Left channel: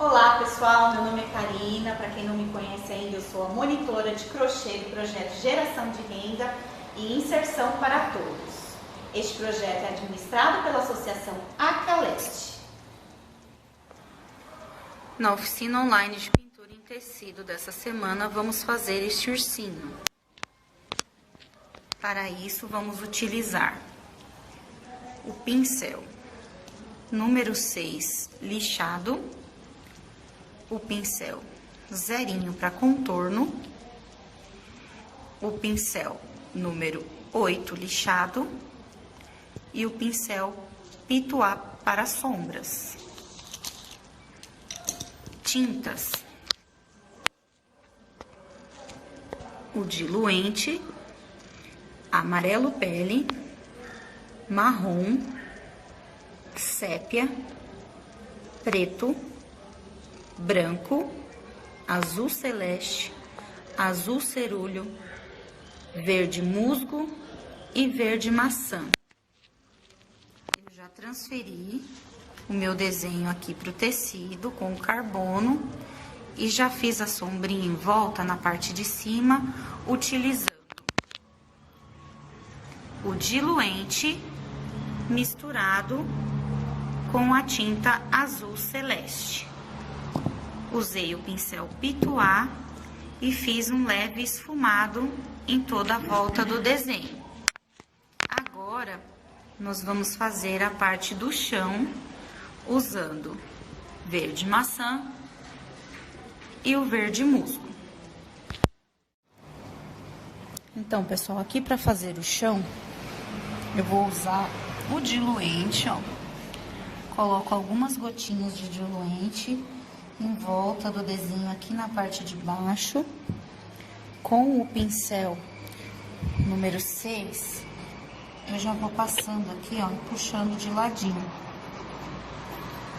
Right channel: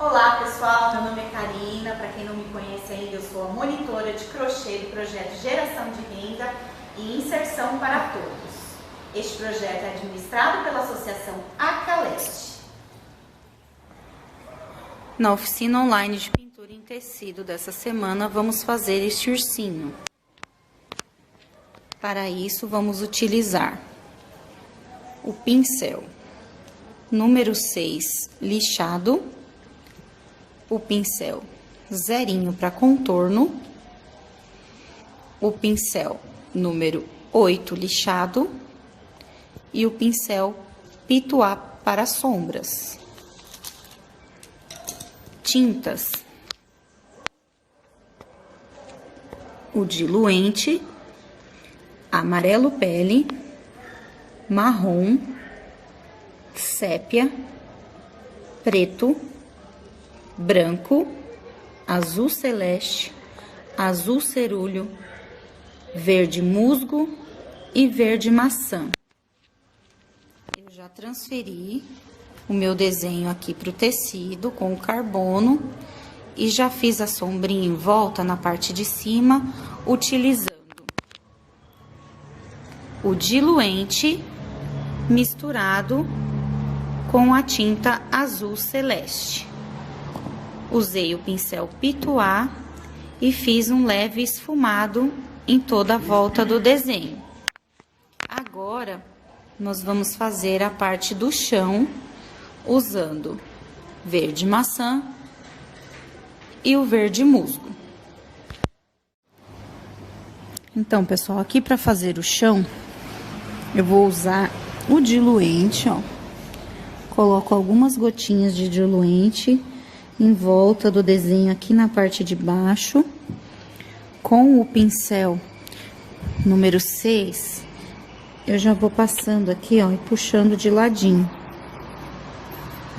Olá pessoal, meu nome é Karina, para quem não me conhece ainda, eu sou a monitora de crochê do projeto Geração de Renda e Inserção para Todos. Este projeto é administrado pela Associação Acaleste. Na oficina online de pintura em tecido dessa semana, vamos fazer este ursinho. Para isso, vamos utilizar o pincel número 6 lixado, o pincel zerinho para contorno, o pincel número 8 lixado e o pincel pituá para sombras. Tintas: o diluente, amarelo pele, marrom, sépia, preto, branco, azul celeste, azul cerúleo, verde musgo e verde maçã. Eu já transferi o meu desenho aqui para o tecido com o carbono e já fiz a sombrinha em volta na parte de cima, utilizando o diluente misturado com a tinta azul celeste. Usei o pincel pituá e fiz um leve esfumado em toda a volta do desenho. Agora, nós vamos fazer a parte do chão usando verde maçã e o verde musgo. Então, pessoal, aqui para fazer o chão, eu vou usar o diluente, ó. Coloco algumas gotinhas de diluente em volta do desenho aqui na parte de baixo. Com o pincel número 6, eu já vou passando aqui, ó, e puxando de ladinho.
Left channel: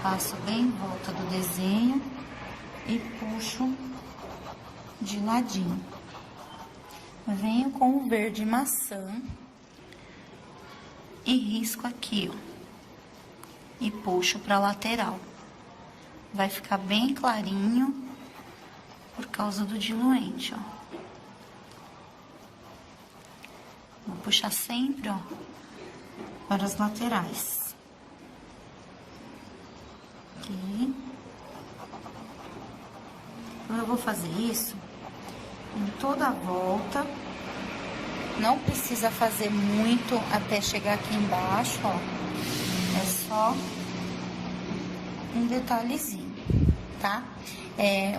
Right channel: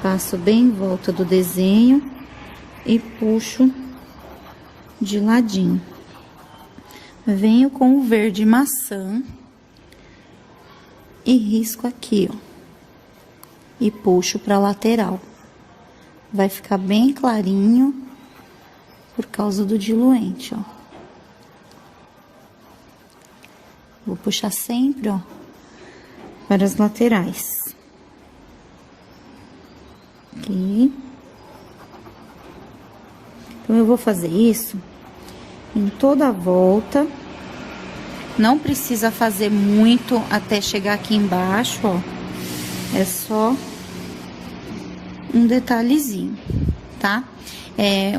Passo bem em volta do desenho e puxo de ladinho. Venho com o verde maçã e risco aqui, ó, e puxo pra lateral. Vai ficar bem clarinho por causa do diluente, ó. Vou puxar sempre, ó, para as laterais. Aqui. Então, eu vou fazer isso em toda a volta. Não precisa fazer muito até chegar aqui embaixo, ó. É só um detalhezinho, tá?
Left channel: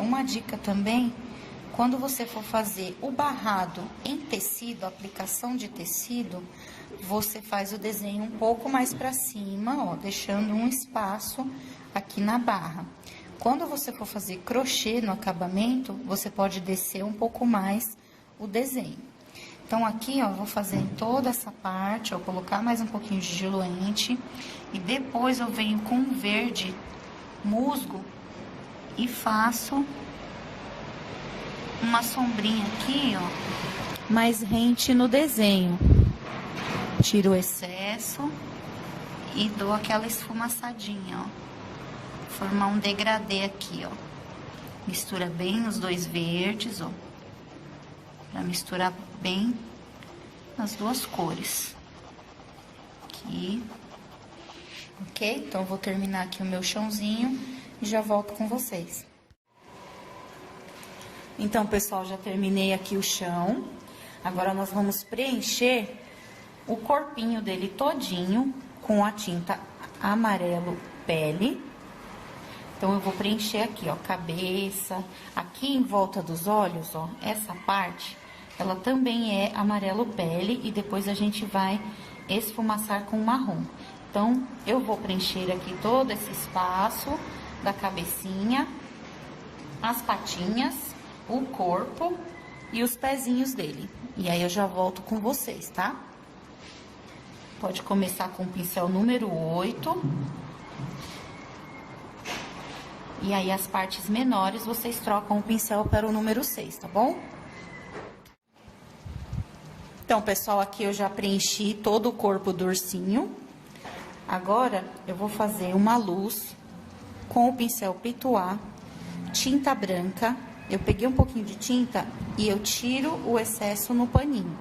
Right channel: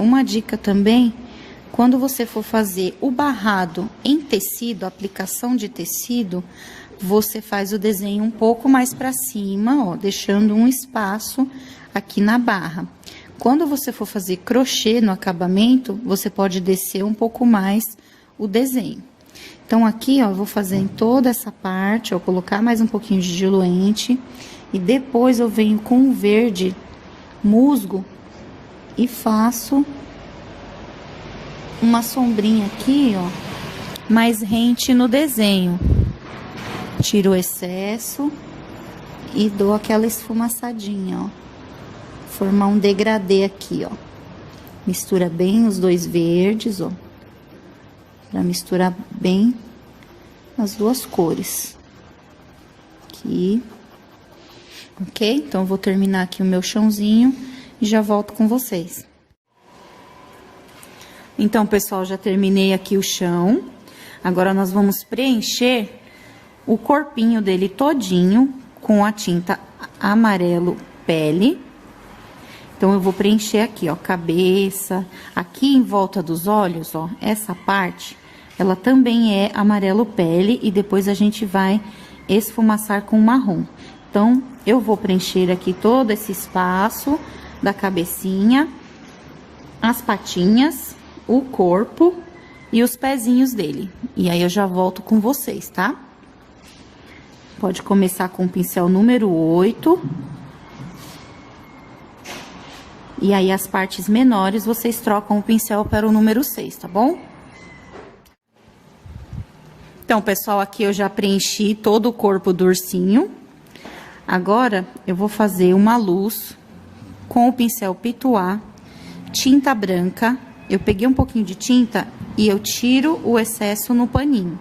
Uma dica também, quando você for fazer o barrado em tecido, aplicação de tecido, você faz o desenho um pouco mais para cima, ó, deixando um espaço aqui na barra. Quando você for fazer crochê no acabamento, você pode descer um pouco mais o desenho. Então, aqui, ó, eu vou fazer em toda essa parte, ó, colocar mais um pouquinho de diluente e depois eu venho com o verde musgo e faço uma sombrinha aqui, ó, mais rente no desenho. Tiro o excesso e dou aquela esfumaçadinha, ó. Formar um degradê aqui, ó. Mistura bem os dois verdes, ó. Pra misturar bem as duas cores. Aqui. Ok? Então, eu vou terminar aqui o meu chãozinho e já volto com vocês. Então, pessoal, já terminei aqui o chão. Agora, nós vamos preencher o corpinho dele todinho com a tinta amarelo pele. Então, eu vou preencher aqui, ó, cabeça. Aqui em volta dos olhos, ó, essa parte, ela também é amarelo pele e depois a gente vai esfumaçar com marrom. Então, eu vou preencher aqui todo esse espaço da cabecinha, as patinhas, o corpo e os pezinhos dele. E aí, eu já volto com vocês, tá? Pode começar com o pincel número 8. E aí, as partes menores, vocês trocam o pincel para o número 6, tá bom? Então, pessoal, aqui eu já preenchi todo o corpo do ursinho. Agora, eu vou fazer uma luz com o pincel Pituá, tinta branca. Eu peguei um pouquinho de tinta e eu tiro o excesso no paninho.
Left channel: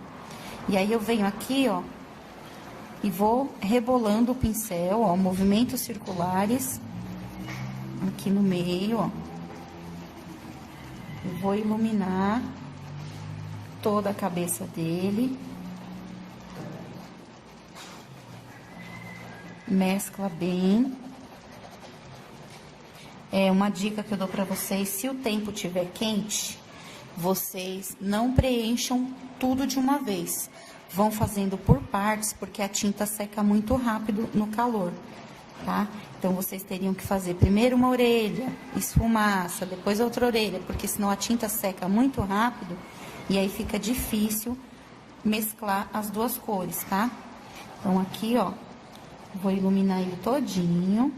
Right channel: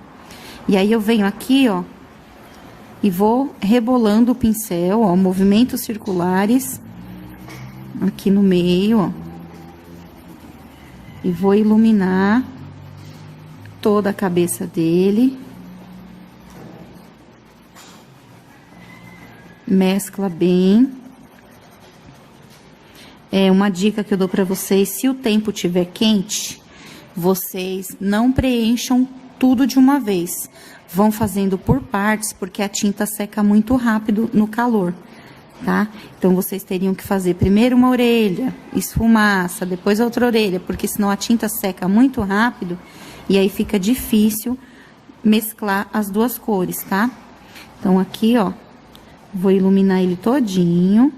E aí, eu venho aqui, ó, e vou rebolando o pincel, ó, movimentos circulares aqui no meio, ó. E vou iluminar toda a cabeça dele. Mescla bem. É uma dica que eu dou pra vocês: se o tempo tiver quente, vocês não preencham tudo de uma vez. Vão fazendo por partes, porque a tinta seca muito rápido no calor, tá? Então, vocês teriam que fazer primeiro uma orelha, esfumaça, depois a outra orelha, porque senão a tinta seca muito rápido e aí fica difícil mesclar as duas cores, tá? Então, aqui, ó, vou iluminar ele todinho.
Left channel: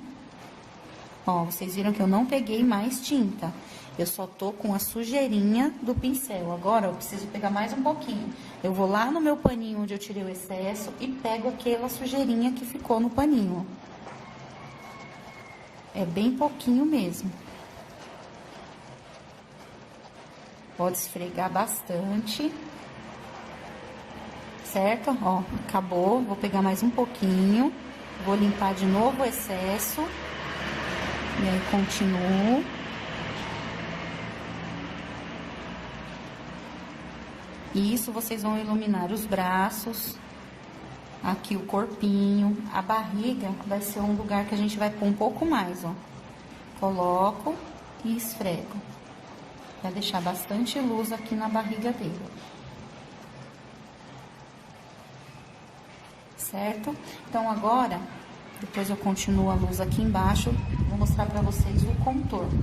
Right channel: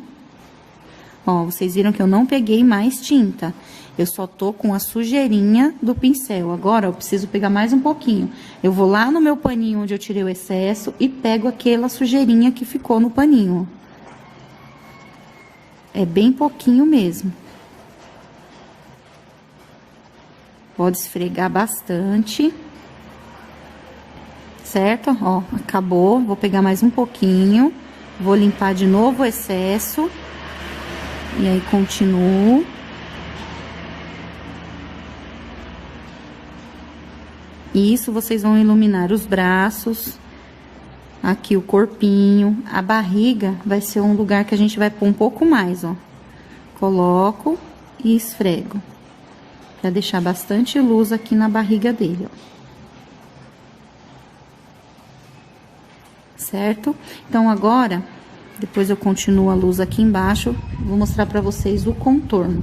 Ó, vocês viram que eu não peguei mais tinta. Eu só tô com a sujeirinha do pincel. Agora, eu preciso pegar mais um pouquinho. Eu vou lá no meu paninho onde eu tirei o excesso e pego aquela sujeirinha que ficou no paninho. É bem pouquinho mesmo. Pode esfregar bastante. Certo? Ó, acabou. Vou pegar mais um pouquinho. Vou limpar de novo o excesso. E aí, continuo. E isso, vocês vão iluminar os braços, aqui o corpinho, a barriga vai ser um lugar que a gente vai pôr um pouco mais, ó. Coloco e esfrego, pra deixar bastante luz aqui na barriga dele, ó. Certo? Então, agora, depois eu continuo a luz aqui embaixo, vou mostrar pra vocês o contorno.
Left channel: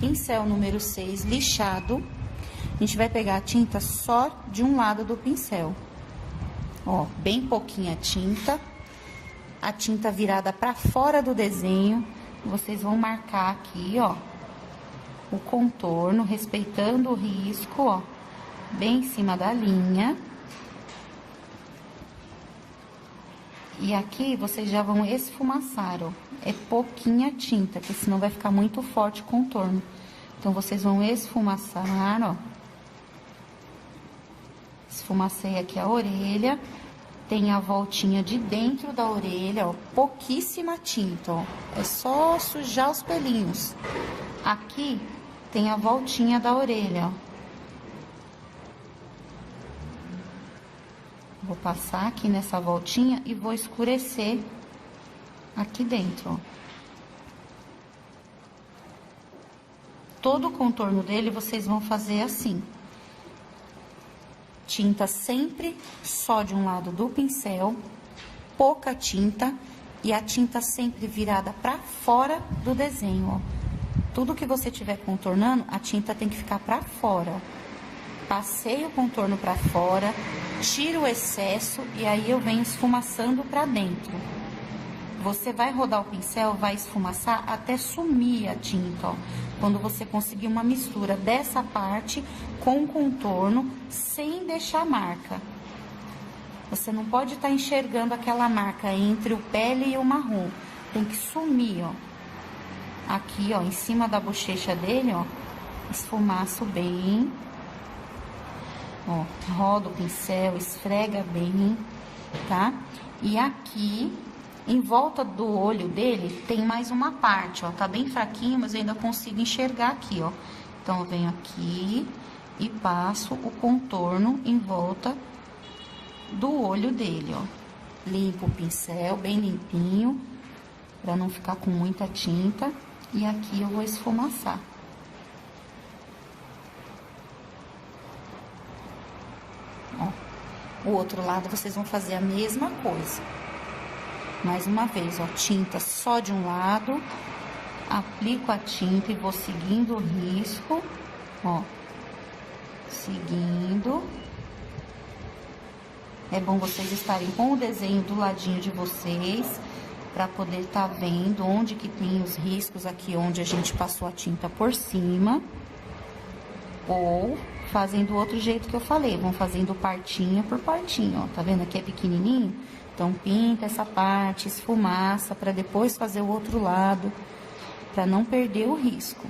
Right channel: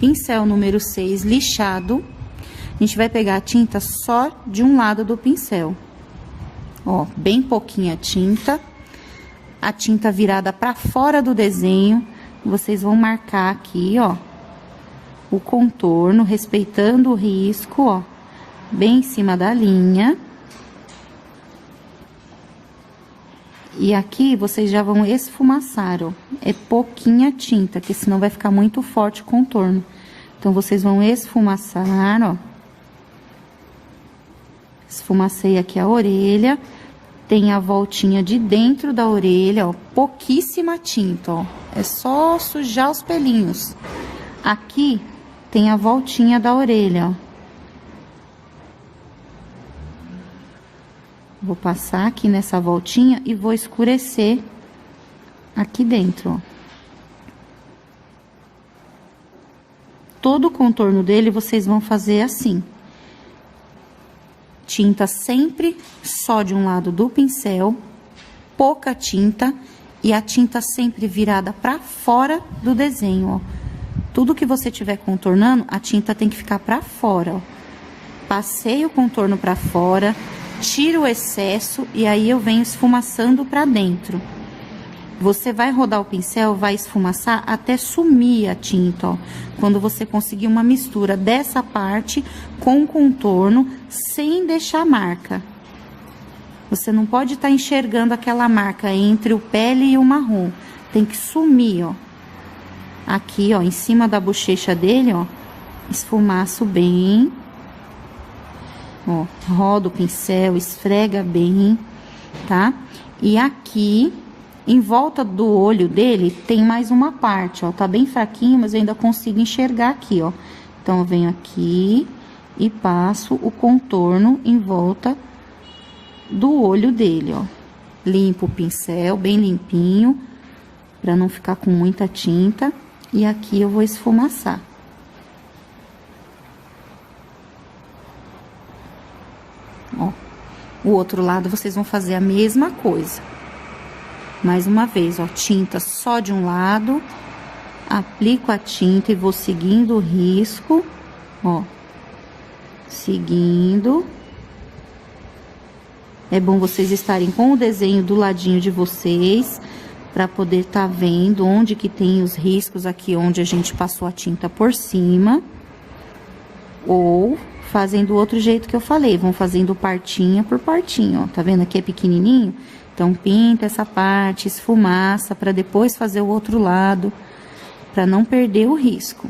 Pincel número 6, lixado. A gente vai pegar a tinta só de um lado do pincel. Ó, bem pouquinha tinta. A tinta virada pra fora do desenho. Vocês vão marcar aqui, ó, o contorno, respeitando o risco, ó, bem em cima da linha. E aqui, vocês já vão esfumaçar, ó. É pouquinha tinta, porque senão vai ficar muito forte o contorno. Então, vocês vão esfumaçar, ó. Esfumacei aqui a orelha. Tem a voltinha de dentro da orelha, ó. Pouquíssima tinta, ó. É só sujar os pelinhos. Aqui tem a voltinha da orelha, ó. Vou passar aqui nessa voltinha e vou escurecer aqui dentro, ó. Todo o contorno dele vocês vão fazer assim. Tinta sempre só de um lado do pincel, pouca tinta e a tinta sempre virada pra fora do desenho, ó. Tudo que você tiver contornando, a tinta tem que ficar pra fora, ó. Passei o contorno pra fora, tiro o excesso e aí eu venho esfumaçando pra dentro. Você vai rodar o pincel, vai esfumaçar até sumir a tinta, ó. Quando você conseguir uma mistura dessa parte com o contorno, sem deixar marca. Você não pode estar enxergando aquela marca entre o pele e o marrom. Tem que sumir, ó. Aqui, ó, em cima da bochecha dele, ó, esfumaço bem. Ó, roda o pincel, esfrega bem, tá? E aqui, em volta do olho dele, tem mais uma parte, ó. Tá bem fraquinho, mas eu ainda consigo enxergar aqui, ó. Então, eu venho aqui e passo o contorno em volta do olho dele, ó. Limpo o pincel, bem limpinho, pra não ficar com muita tinta. E aqui eu vou esfumaçar. Ó, o outro lado vocês vão fazer a mesma coisa. Mais uma vez, ó, tinta só de um lado, aplico a tinta e vou seguindo o risco, ó, seguindo. É bom vocês estarem com o desenho do ladinho de vocês, para poder tá vendo onde que tem os riscos aqui, onde a gente passou a tinta por cima. Ou fazem do outro jeito que eu falei, vão fazendo partinha por partinha, ó. Tá vendo? Aqui é pequenininho, então pinta essa parte, esfumaça, para depois fazer o outro lado. para não perder o risco,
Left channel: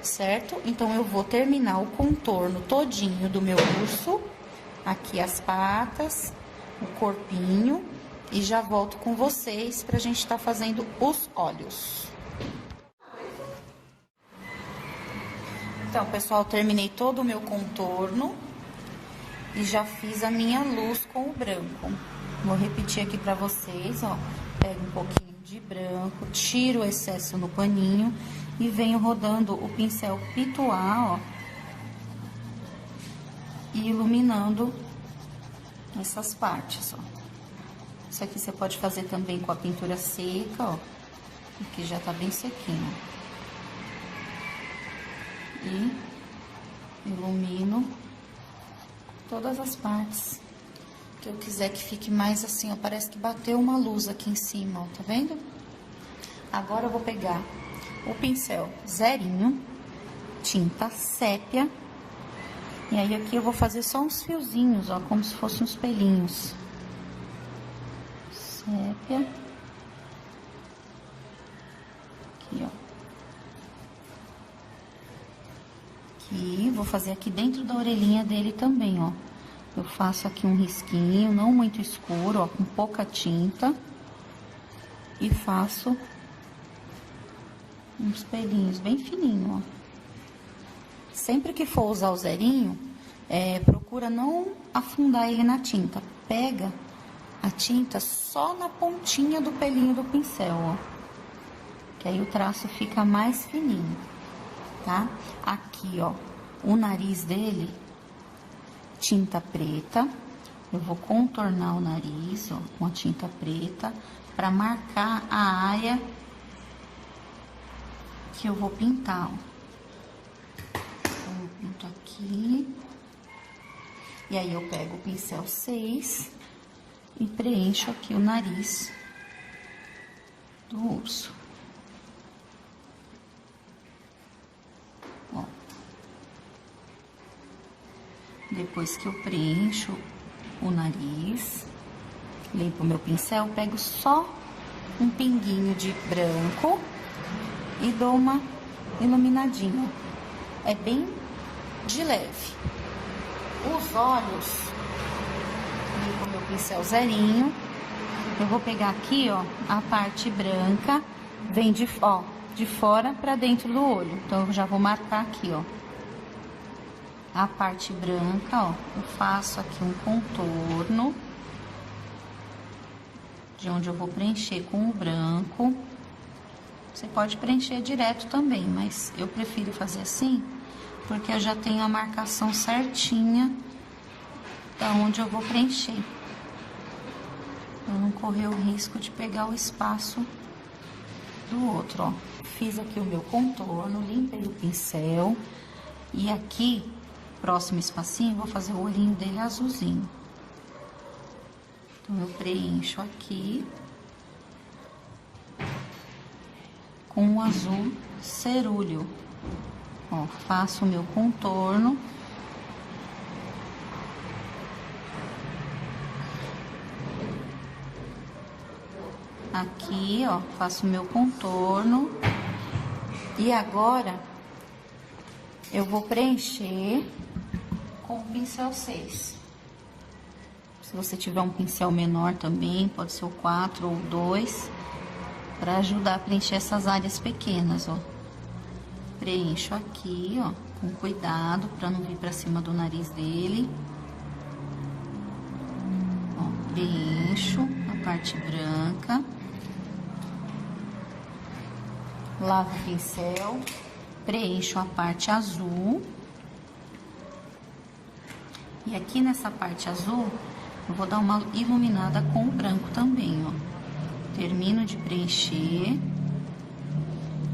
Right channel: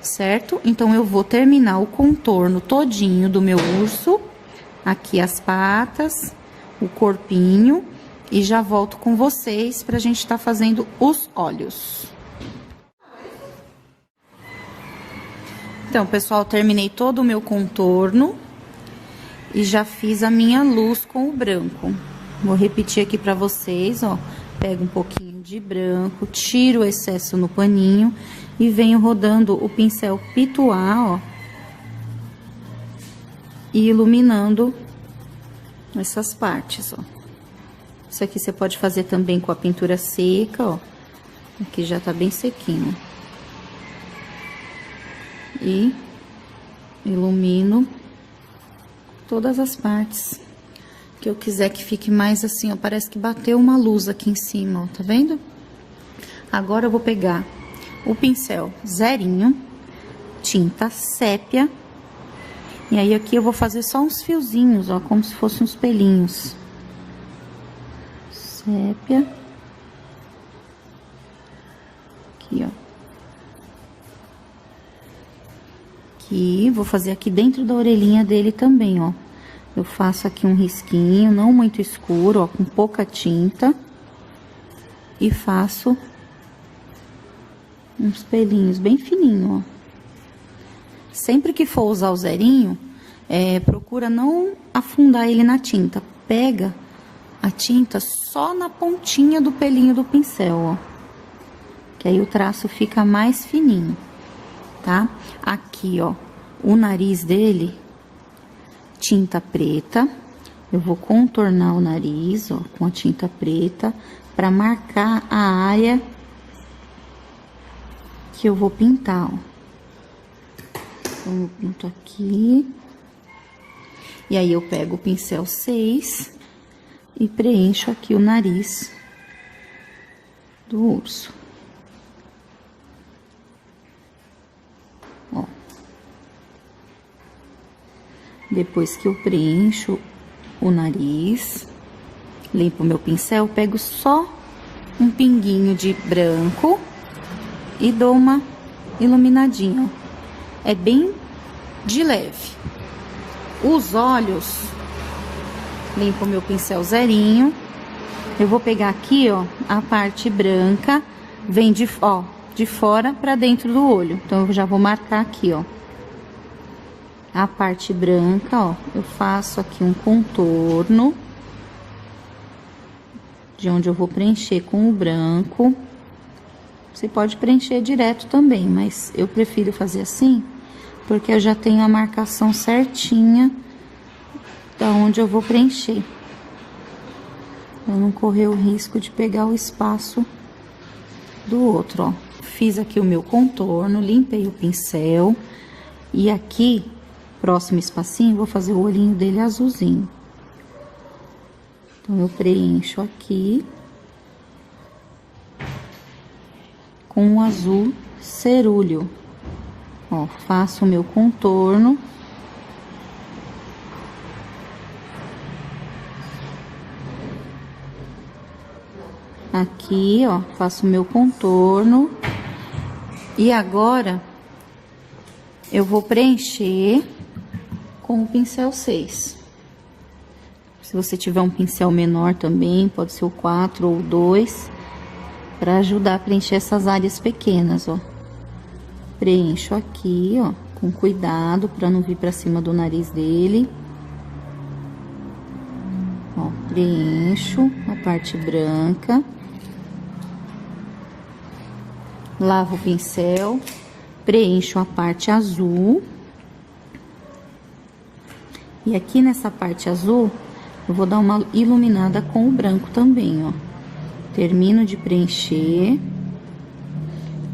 certo? Então, eu vou terminar o contorno todinho do meu urso, aqui as patas, o corpinho, e já volto com vocês pra gente tá fazendo os olhos. Então, pessoal, terminei todo o meu contorno e já fiz a minha luz com o branco. Vou repetir aqui pra vocês, ó. Pego um pouquinho de branco, tiro o excesso no paninho e venho rodando o pincel pituá, ó. E iluminando essas partes, ó. Isso aqui você pode fazer também com a pintura seca, ó. Aqui já tá bem sequinho. E ilumino todas as partes que eu quiser que fique mais assim, ó, parece que bateu uma luz aqui em cima, ó, tá vendo? Agora eu vou pegar o pincel zerinho, tinta sépia, e aí aqui eu vou fazer só uns fiozinhos, ó, como se fossem uns pelinhos. Sépia. Aqui, ó. Aqui, vou fazer aqui dentro da orelhinha dele também, ó. Eu faço aqui um risquinho, não muito escuro, ó, com pouca tinta. E faço uns pelinhos bem fininhos, ó. Sempre que for usar o zerinho, procura não afundar ele na tinta. Pega a tinta só na pontinha do pelinho do pincel, ó. Que aí o traço fica mais fininho, tá? Aqui, ó, o nariz dele, tinta preta. Eu vou contornar o nariz, ó, com a tinta preta, pra marcar a área que eu vou pintar, ó. Então, eu pinto aqui. E aí, eu pego o pincel 6 e preencho aqui o nariz do urso. Ó. Depois que eu preencho o nariz, limpo o meu pincel, pego só um pinguinho de branco e dou uma iluminadinha. É bem de leve. Os olhos, limpo o meu pincel zerinho. Eu vou pegar aqui, ó, a parte branca, vem de fora pra dentro do olho. Então, eu já vou marcar aqui, ó. A parte branca, ó, eu faço aqui um contorno, de onde eu vou preencher com o branco. Você pode preencher direto também, mas eu prefiro fazer assim, porque eu já tenho a marcação certinha da onde eu vou preencher. Pra não correr o risco de pegar o espaço do outro, ó. Fiz aqui o meu contorno, limpei o pincel. E aqui, próximo espacinho, vou fazer o olhinho dele azulzinho. Então, eu preencho aqui com o azul cerúleo. Ó, faço o meu contorno. Aqui, ó, faço o meu contorno. E agora, eu vou preencher com o pincel 6. Se você tiver um pincel menor também, pode ser o 4 ou o 2, para ajudar a preencher essas áreas pequenas, ó. Preencho aqui, ó, com cuidado, para não vir para cima do nariz dele. Ó, preencho a parte branca. Lavo o pincel, preencho a parte azul. E aqui nessa parte azul, eu vou dar uma iluminada com o branco também, ó. Termino de preencher.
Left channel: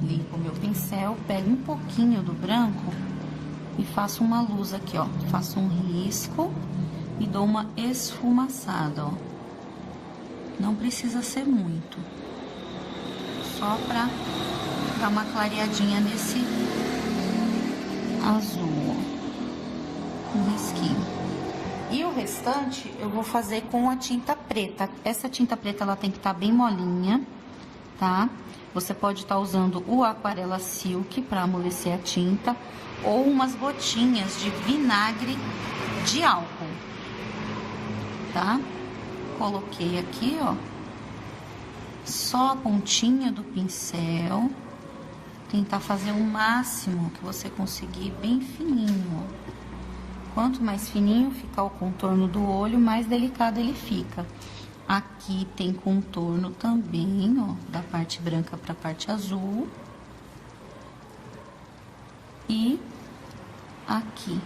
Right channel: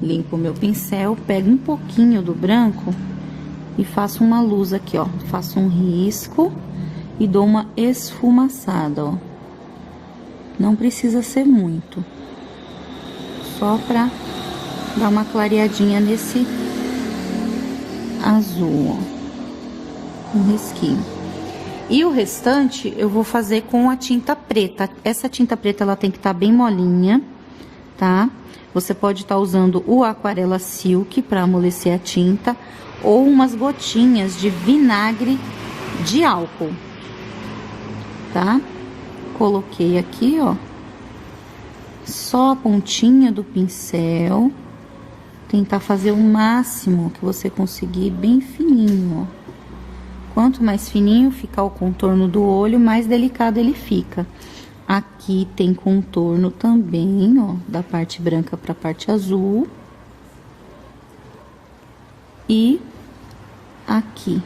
Limpo o meu pincel, pego um pouquinho do branco e faço uma luz aqui, ó. Faço um risco e dou uma esfumaçada, ó. Não precisa ser muito. Só pra dar uma clareadinha nesse azul, ó. Um risquinho. E o restante eu vou fazer com a tinta preta. Essa tinta preta, ela tem que estar bem molinha, tá? Você pode estar usando o Aquarela Silk para amolecer a tinta ou umas gotinhas de vinagre de álcool, tá? Coloquei aqui, ó, só a pontinha do pincel. Tentar fazer o máximo que você conseguir, bem fininho, ó. Quanto mais fininho ficar o contorno do olho, mais delicado ele fica. Aqui tem contorno também, ó, da parte branca para a parte azul. E aqui.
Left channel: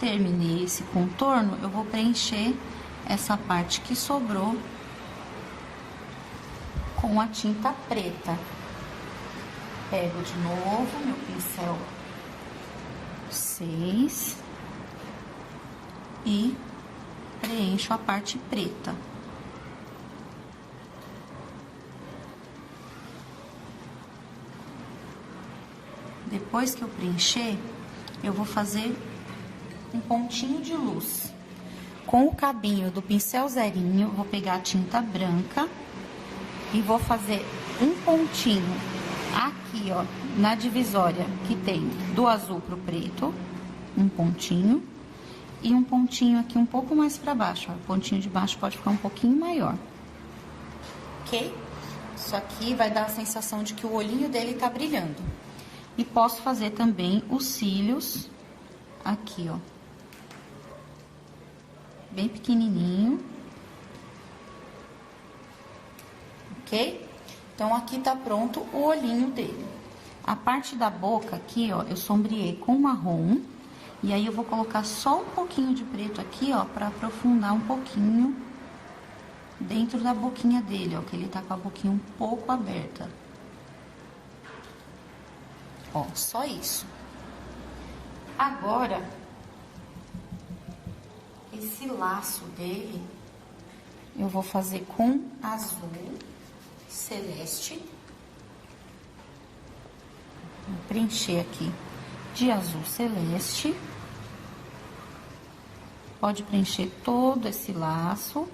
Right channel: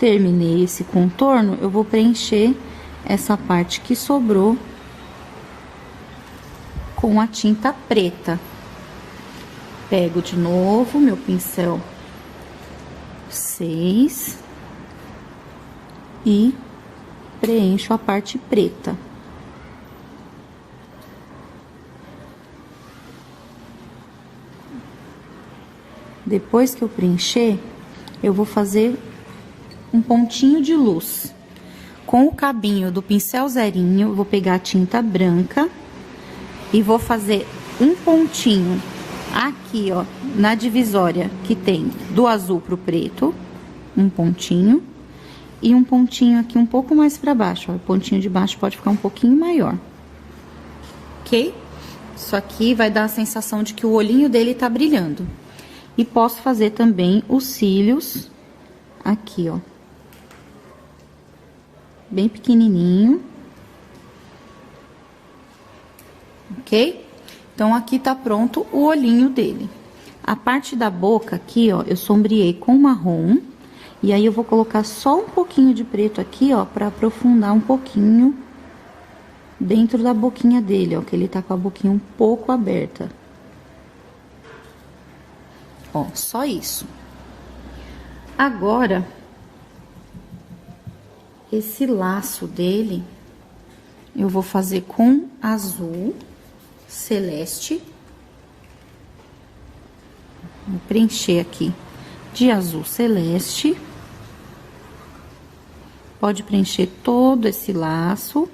Terminei esse contorno, eu vou preencher essa parte que sobrou com a tinta preta. Pego de novo meu pincel 6 e preencho a parte preta. Depois que eu preencher, eu vou fazer um pontinho de luz. Com o cabinho do pincel zerinho, eu vou pegar a tinta branca e vou fazer um pontinho aqui, ó, na divisória que tem do azul pro preto, um pontinho, e um pontinho aqui um pouco mais pra baixo, ó, o pontinho de baixo pode ficar um pouquinho maior, ok? Isso aqui vai dar a sensação de que o olhinho dele tá brilhando. E posso fazer também os cílios aqui, ó, bem pequenininho, ok? Então, aqui tá pronto o olhinho dele. A parte da boca aqui, ó, eu sombreei com marrom. E aí, eu vou colocar só um pouquinho de preto aqui, ó, pra aprofundar um pouquinho dentro da boquinha dele, ó, que ele tá com a boquinha um pouco aberta. Ó, só isso. Agora, esse laço dele, eu vou fazer com azul celeste. Vou preencher aqui de azul celeste. Pode preencher todo esse laço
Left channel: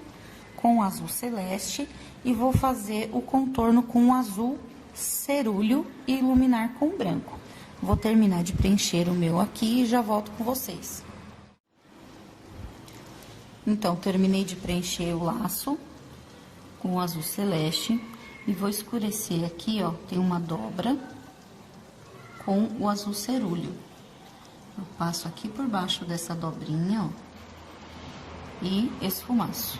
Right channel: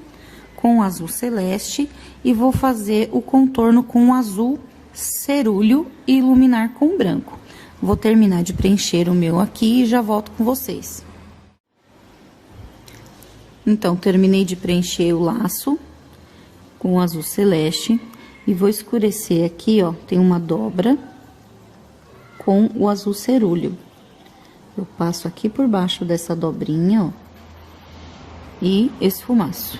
com azul celeste e vou fazer o contorno com azul cerúleo e iluminar com branco. Vou terminar de preencher o meu aqui e já volto com vocês. Então, terminei de preencher o laço com azul celeste. E vou escurecer aqui, ó, tem uma dobra com o azul cerúleo. Eu passo aqui por baixo dessa dobrinha, ó, e esfumaço.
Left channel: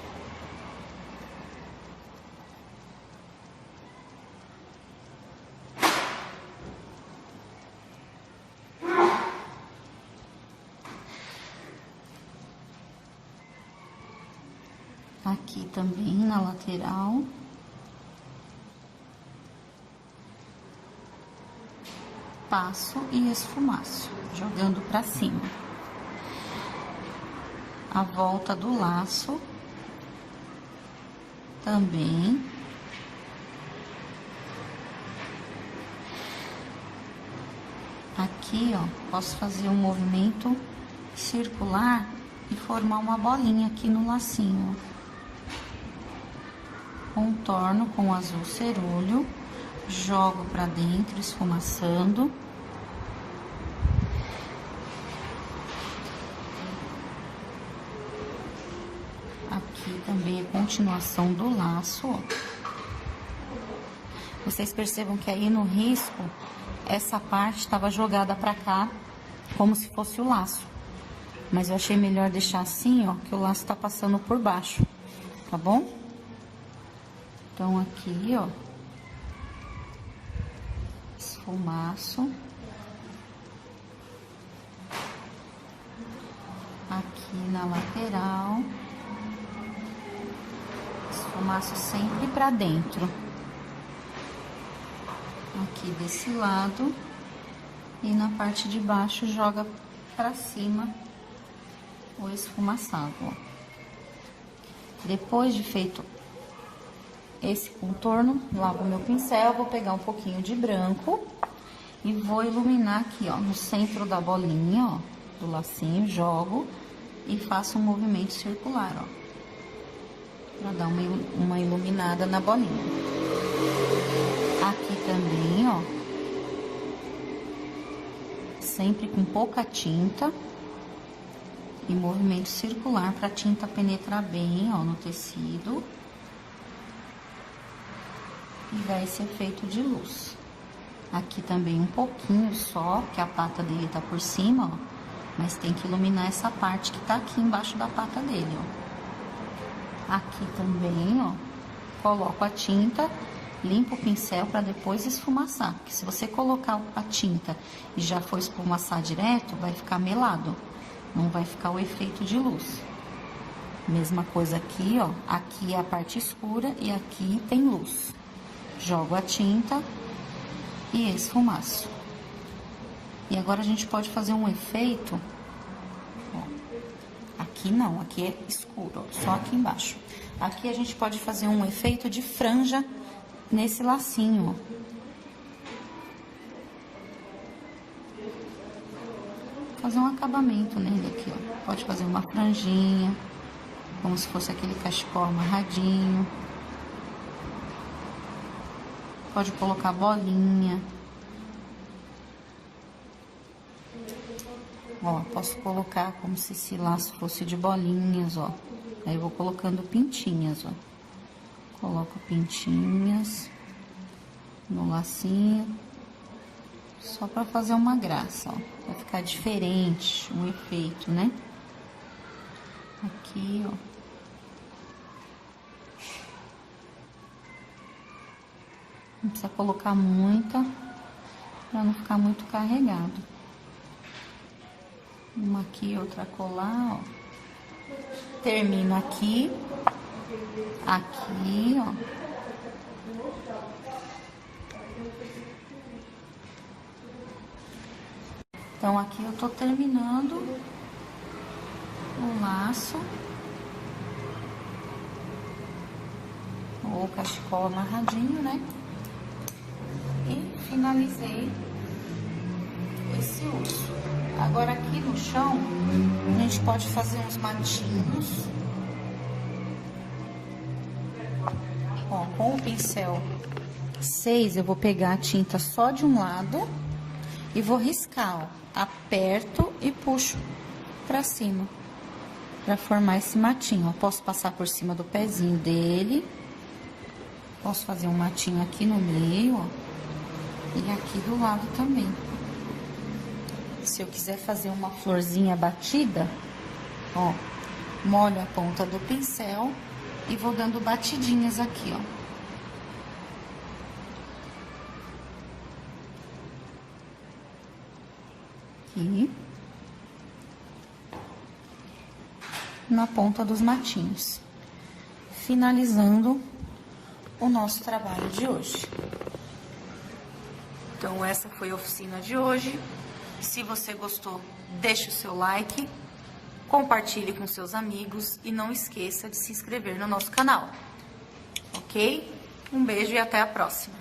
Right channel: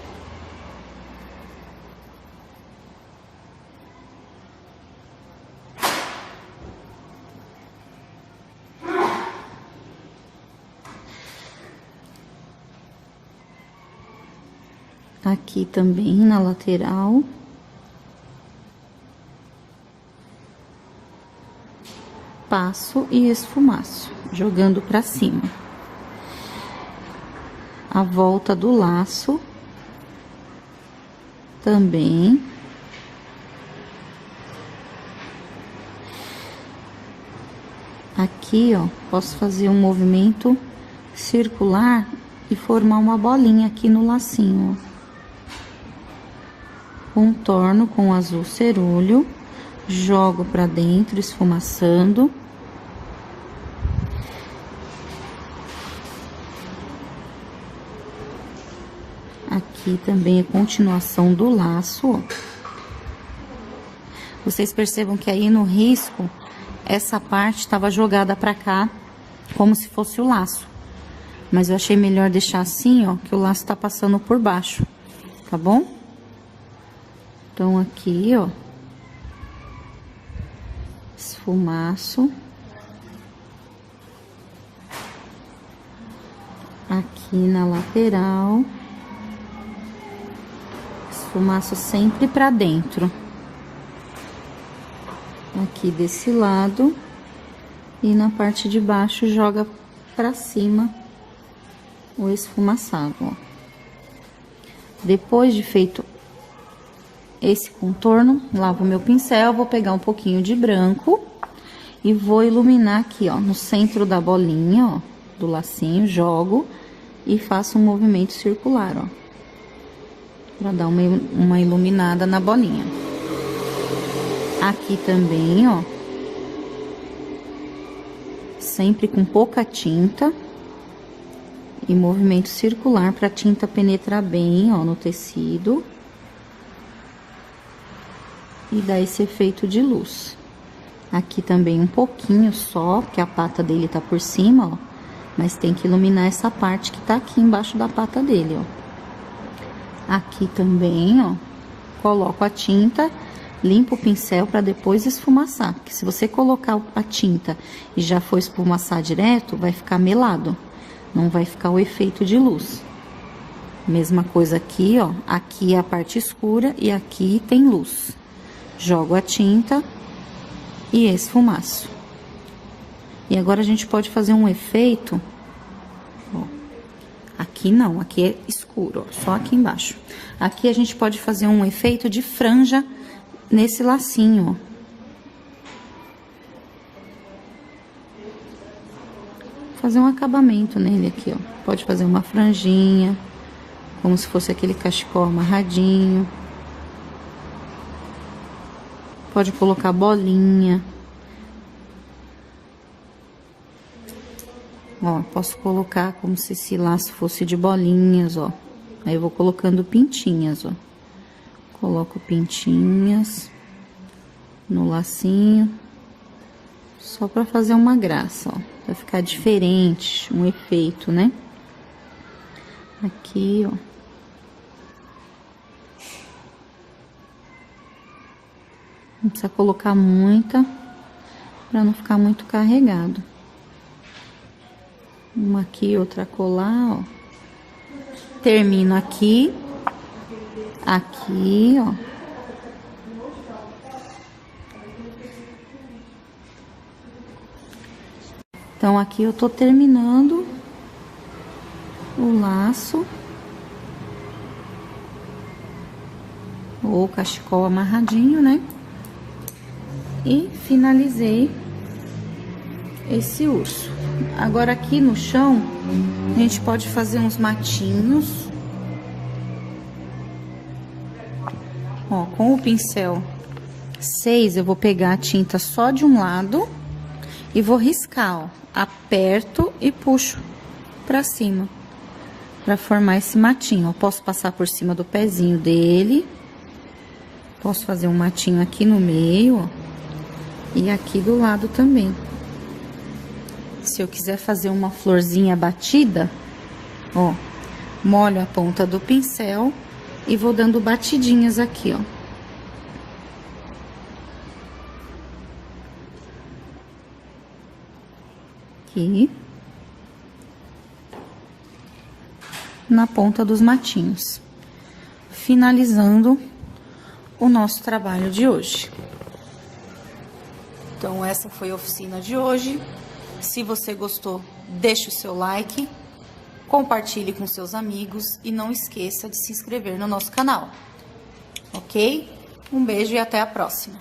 Aqui também na lateral. Passo e esfumaço, jogando pra cima. A volta do laço também. Aqui, ó, posso fazer um movimento circular e formar uma bolinha aqui no lacinho, ó. Contorno com azul cerúleo. Jogo pra dentro, esfumaçando. Aqui também a continuação do laço, ó. Vocês percebam que aí no risco, essa parte estava jogada pra cá, como se fosse o laço. Mas eu achei melhor deixar assim, ó, que o laço tá passando por baixo, tá bom? Então, aqui, ó. Esfumaço. Aqui na lateral. Esfumaço sempre pra dentro. Aqui desse lado. E na parte de baixo joga pra cima o esfumaçado, ó. Depois de feito esse contorno, lavo meu pincel, vou pegar um pouquinho de branco e vou iluminar aqui, ó, no centro da bolinha, ó, do lacinho, jogo e faço um movimento circular, ó, pra dar uma iluminada na bolinha. Aqui também, ó. Sempre com pouca tinta. E movimento circular para a tinta penetrar bem, ó, no tecido. E dar esse efeito de luz. Aqui também um pouquinho só, porque a pata dele tá por cima, ó. Mas tem que iluminar essa parte que tá aqui embaixo da pata dele, ó. Aqui também, ó, coloco a tinta, limpo o pincel para depois esfumaçar. Porque se você colocar a tinta e já for esfumaçar direto, vai ficar melado. Não vai ficar o efeito de luz. Mesma coisa aqui, ó. Aqui é a parte escura e aqui tem luz. Jogo a tinta e esfumaço. E agora a gente pode fazer um efeito, ó. Aqui não, aqui é escuro, ó, só aqui embaixo. Aqui a gente pode fazer um efeito de franja nesse lacinho, ó. Fazer um acabamento nele aqui, ó. Pode fazer uma franjinha, como se fosse aquele cachecol amarradinho. Pode colocar bolinha. Ó, posso colocar como se esse laço fosse de bolinhas, ó. Aí eu vou colocando pintinhas, ó. Coloco pintinhas no lacinho. Só pra fazer uma graça, ó. Vai ficar diferente, um efeito, né? Aqui, ó. Não precisa colocar muita, pra não ficar muito carregado. Uma aqui, outra colar, ó. Termino aqui. Aqui, ó. Então, aqui eu tô terminando o laço. Ou cachecol amarradinho, né? E finalizei esse urso. Agora, aqui no chão, a gente pode fazer uns matinhos. Ó, com o pincel 6, eu vou pegar a tinta só de um lado e vou riscar, ó. Aperto e puxo pra cima, pra formar esse matinho. Eu posso passar por cima do pezinho dele. Posso fazer um matinho aqui no meio, ó. E aqui do lado também. Se eu quiser fazer uma florzinha batida, ó, molho a ponta do pincel e vou dando batidinhas aqui, ó. Aqui. Na ponta dos matinhos. Finalizando o nosso trabalho de hoje. Então, essa foi a oficina de hoje. Se você gostou, deixe o seu like, compartilhe com seus amigos e não esqueça de se inscrever no nosso canal, ok? Um beijo e até a próxima!